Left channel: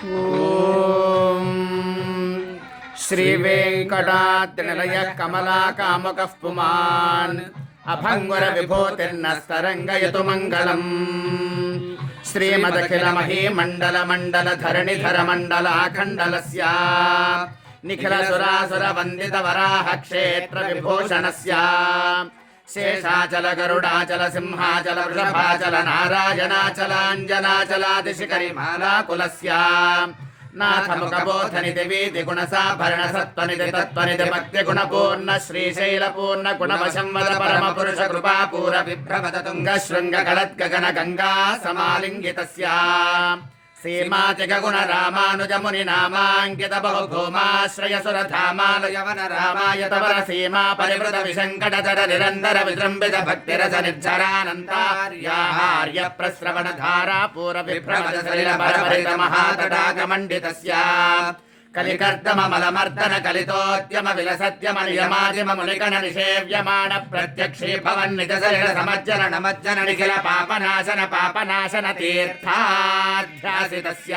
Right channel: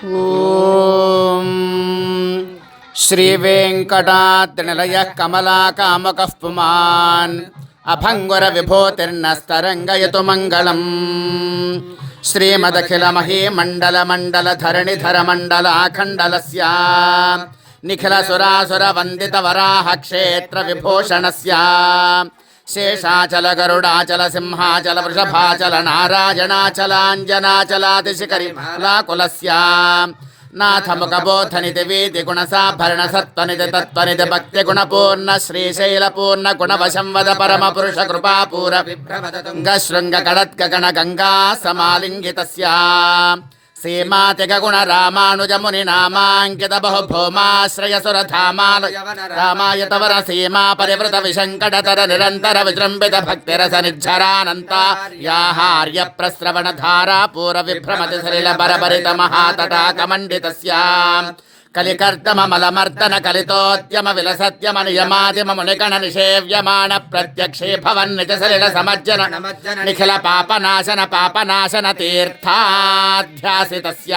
ఓం శ్రీ వెంకటాద్రినిలయః కమలాకాముకః పుమాన్ అభంగుర విభూతిర్నస్తరంగయతు మంగళం. శ్రీమదఖిల మహీమండల మండల ధరణిధర మండలాఖండలస్య నిఖిల సురాసుర వందిత వరాహ క్షేత్ర విభూషణస్య శేషాచల గరుడాచల సింహాచల వృషభాచల నారాయణాచలాంజనాచలాదిశిఖరి మాలాకులస్య నాథముఖబోధనిధి వీతి గుణసాభరణ సత్వనిధి తత్వనిధి భక్తి గుణపూర్ణ శ్రీశైల పూర్ణ గుణవశం వద పరమ పురుష కృపాపూర విభ్రవద తుంగ శృంగ కళత్క గణ గంగా సమాలింగితస్య సీమాతిక గుణ రామానుజ ముని నామాంకిత బహుభూమాశ్రయ సురధామాలయవన రామాయతవర సీమా పరివృత విశంకటతర నిరంతర విజృంభిత భక్తిరస నిర్జరానంతార్యాహార్య ప్రస్రవణ ధారా పూర విభ్రమతి సలిల పరపరిత మహాతటాకమండితస్య కలికర్దమలమర్దన కలితోద్యమ విలసత్యమ నియమాదిమ మునికణ నిషేవ్యమాణ ప్రత్యక్షే భవన్నిజ శరీర సమజ్జన నమజ్జన నిఖిల పాపనాశన తీర్థాధ్యాసితస్య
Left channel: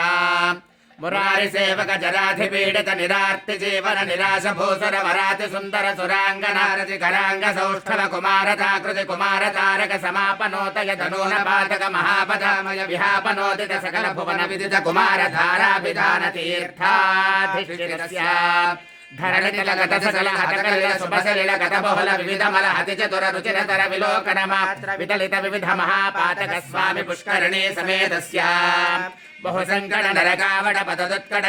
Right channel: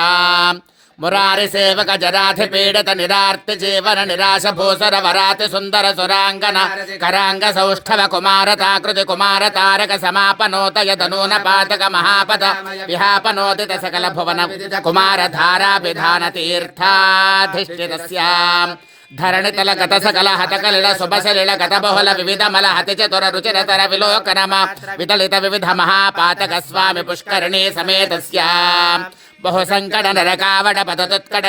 మురారి సేవక జరాధిపీడిత నిరార్తి జీవన నిరాశ భూసర వరాతి సుందర సురాంగన కరాంగ సౌష్ఠవ కుమారతాకృతి కుమార తారక సమాపనోతయ తనూన పాతక మహాపద విహాపనోదిత సకల భువన విదిత కుమార ధారా విధాన తీర్థాధిష్ఠితస్య ధరణితల గత సకల హతకలిల శుభశలిల గత బహుళ వివిధ మల హతి చతుర రుచిరతర విలోకనమ వితలిత వివిధ మహాపాతక స్వామి పుష్కరిణీ సమేతస్య బహు సంకట నరకావడ పదదుత్కట